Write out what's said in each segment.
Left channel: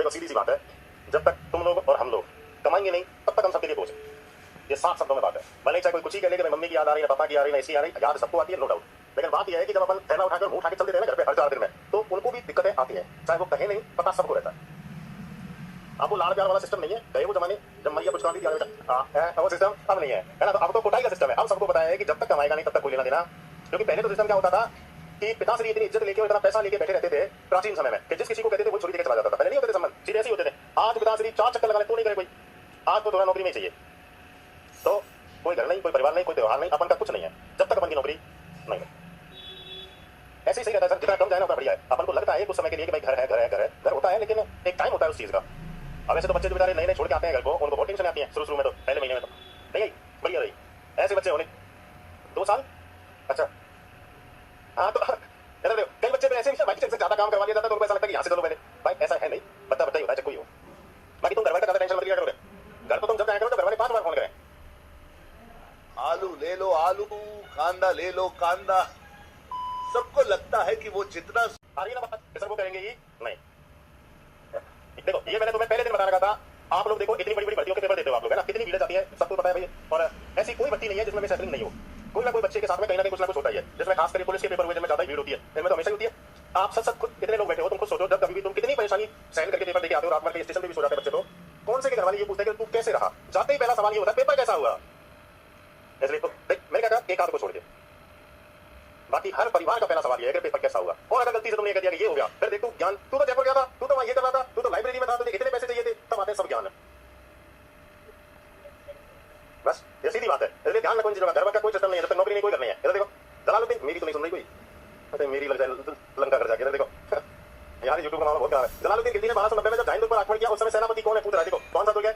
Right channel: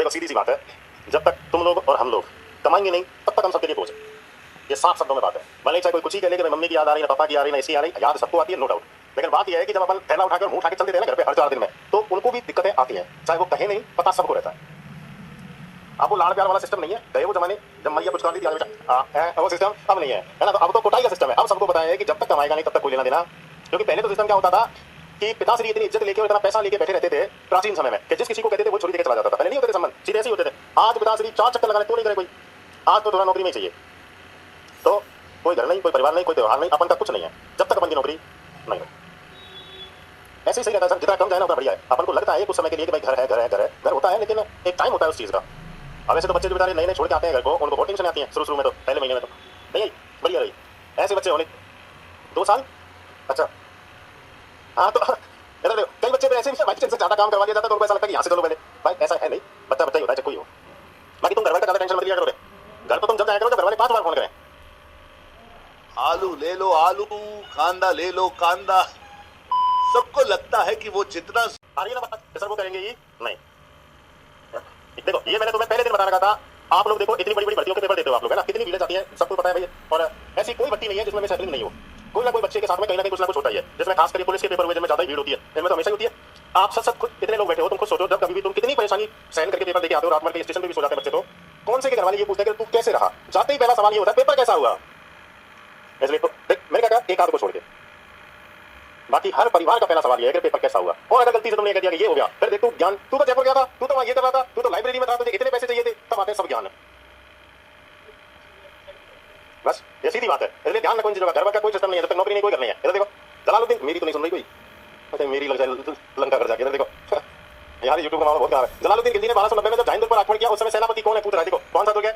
देखो सीधी सी बात है, जब तक तुम लोग और हम लोग कमाएंगे नहीं तब तक हम सबके लिए बोझ है। ये साफ शब्दों में बात है। भले चाहे कोई कुछ ही कह ले कि मम्मी की याद आ रही है, पापा की आ रही है, ऐसी आ रही है, याद सबको आती है, नो डाउट। लेकिन बात यह है कि जब अपन थैला उठाकर मुंह उठा के चलते थे ना घर पे हर 4 दिन में, तो उनको भी दिक्कतें आती हैं, चाहे वो कहे नहीं, पता सबको रहता है। अब वो लाड़ प्यार वाला सिस्टम नहीं है। गए वो जमाने जब मैया कुछ करती थी वो सिस्टम अब नहीं है ना। तो अब तो कुटाई का सिस्टम है। अब सबको पता है कि जब तक कमाएगा नहीं तब तक कोई लेना देना। क्योंकि पहले तो सिस्टम क्या होता था कि पिताश्री इतनी इज्जत लेके और इतना पैसा लेके बैठे रहते थे प्राचीन समय में कि जिस किसी को कहते थे वो छोड़ी देकर चला जाता था। पहले नहीं होते थे संबंध, सीधे ऐसे ही होते थे। आज पिताश्री 4 चक्कर लगा ले तो नहीं करे कोई। आज तो थोड़ा नौकरी में चाहिए, तो कोई घर नहीं, कोई परिवार नहीं, कोई त्योहार नहीं, अपन का कुछ नहीं है जब तक अपन की नौकरी नहीं हो। ऐसे ही सही रहता है। जितना कम जाए ना उतना बढ़िया है। अपन को लगता है कुछ समय के लिए कि भाई घर है, घर है, घर है, घर होता है, लेकिन एक टाइम होता है उस चीज का। अब वैसे तो बच्चे जो बेचारे नए नए छोड़ के आते हैं घर को, उनको बहुत टेंशन आती है शुरू में, तो पहले महीने में तो नहीं आई, बढ़िया रही। ऐसे बच्चे होने 2 साल, अच्छा हाँ, तो इधर देखो कई बच्चे ऐसे भाई से ज्यादा काम करवा दिया जाता है तो उनको ऐसा लगता है कि यहाँ से चलो पहले। भाई ऐसा है नहीं, बच्चा बच्चा ही होता है, कोई हो। बाकी तुम घर वाले का ज्यादा टेंशन मत लिया करो। घर तो तुम जब जाया करो तो घर वाले 5 बार फोन करें, आलू ले लो आलू, कांदा ले लो कांदा। सबको लगता है कि वो जितना आ रही है ना बात, सर वो करेंगे ही नहीं। देखो ये मैंने तुम्हें पहले दिन बता रखा था। आप लोग देखो इतनी बड़ी बड़ी भर्तियों के पेपर देते हो आप लोग, है ना, कितनी भीड़ जाती है, सबको पता है भाई। और ऐसी कोई भर्ती नहीं है जिसमें सेटलिंग नहीं हो। कोई ना कोई बच्चे के साथ में कहीं ना कहीं कुछ ना कुछ होता ही है, जिसमें खास करके पुलिस के पेपर हुए जिनमें ज्यादा भीड़ होती है, इनमें तो हमेशा होती है। आप सब खुद इतने लोग बैठे हो, तुम खुद सोचो जब कभी भी तुम कितनी परेशानी सहन करके पेपर देके आते हो, रात भर के स्टेशन पे भी सो जाते हैं बच्चे, तो कौन से के घर वाले ये पूछते हैं कि तू कैसे रहा। जाते ही पहला सवाल ये होता है पेपर कैसा हुआ। इसलिए तो देख मैंने क्या कहा, एक आध को छोड़ के बाकी हर परिवार का पहला सवाल ये है कि पेपर कैसा हुआ। और अगर गलती से तुमने कह दिया कि ये हो गया, फिर देख तू ज्ञान, तू तो जयपुर गया था, तू तो वहां ये कर रहा था, तू तो लाइब्रेरी में था, तुझे इतने पैसे चाहिए थे, तब आते सब ज्ञान है। बस ये सीधी बात है। इसलिए ध्यान रखो इन चीजों का। घर का कोई सिस्टम नहीं है, जब तक नौकरी नहीं कोई करनी है। इधर देखो जलालुद्दीन, मेरी तो नहीं सुन रही कोई, अरे मेरी लग जाए लंका कर जाके। इधर देखो यार यूट्यूब का मामला बहुत खराब है। जलालुद्दीन खिलजी ने 1290 में जब जाहिंदुर पर आक्रमण किया, उस समय सेनापति कौन है पूछ रहा है। देखो कौन सा दुर्ग है,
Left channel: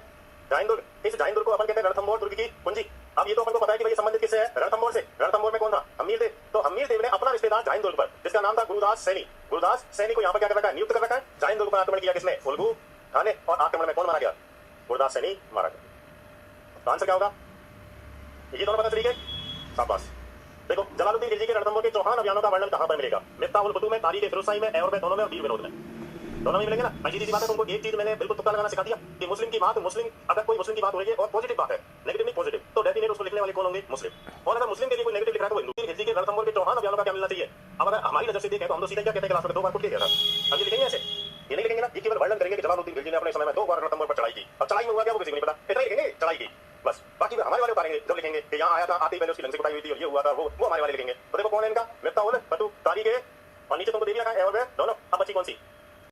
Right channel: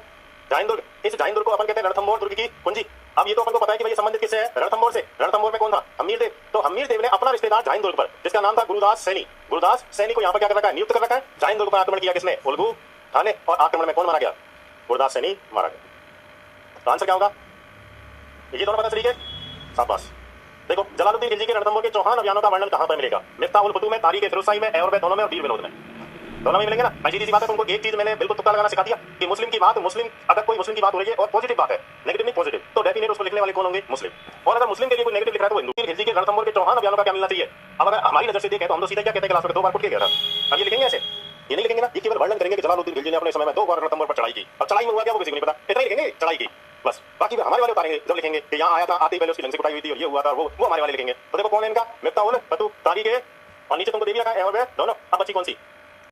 जाहिंदुर। इस जाहिंदुर को अपन कहते हैं रणथंभौर दुर्ग की कुंजी। अब ये तो अपन को पता है कि भाई संबंधित किससे है, रणथंभौर से। रणथंभौर में कौन था, हमीर देव। तो हमीर देव ने अपना रिश्तेदार जाहिंदुर पर, जिसका नाम था गुरुदास सैनी, गुरुदास सैनी को यहाँ पर क्या कर रखा है, नियुक्त कर रखा है। जाहिंदुर पर आक्रमण किया किसने, उल्गू खान ने। और आक्रमण में कौन मारा गया, गुरुदास सैनी मारा गया। तो आंसर क्या होगा, ये दोनों पता तरीके। शाबाश। देखो जलालुद्दीन खिलजी के रणथंभौर के चौहान अभियानों का वर्णन कहां पर मिलेगा, मिफ्ताह उल फुतूह में, तारीख फिरोजशाही में, और दोनों में, और वीर विनोद में, दोनों में मिलेंगे ना। भाई सीधी सी बात है। तुमको एक चीज मैंने बिल्कुल तुक्का लगाना सिखा दिया कि मुस्लिम की बात, मुस्लिम अगर कोई मुस्लिम की बात हो रही है और पॉजिटिव बात है, नेगेटिव नहीं पॉजिटिव, तो डेफिनेट उसको लिखने वाले कौन होंगे, मुस्लिम। और अगर मुस्लिम के लिए कोई नेगेटिव लिख रहा है तो हिंदू। खिलजी के रणथंभौर के चौहान अभियानों का क्या मिलना चाहिए। अब अगर हमारी नजर से देखें तो हम तो सीधे क्या कहते हैं, क्लास में 2 बार कुट के गया था। अब ये लिखेंगे ऐसे, ये नहीं लिखेंगे ना। ये केवल वर्णन करेंगे कि जलालुद्दीन खिलजी ने अपने समय में 2 बार रणथंभौर पर चढ़ाई की। अब चढ़ाई में हुआ क्या वो किसी को नहीं पता, इतना ही लिखेंगे चढ़ाई की बस। बाकी हमारे वाले उतारेंगे जब लिखेंगे कि यहाँ आया था, आते पहले उसकी लंग से कुटाई हुई थी और ये हुआ था, वो हमारे वाले लिखेंगे। तो देखो कौन है इनका, मिफ्ताह उल फुतूह, तारीख है, और नीचे तुमको दे दिया है और दोनों। अब बची कौन सी,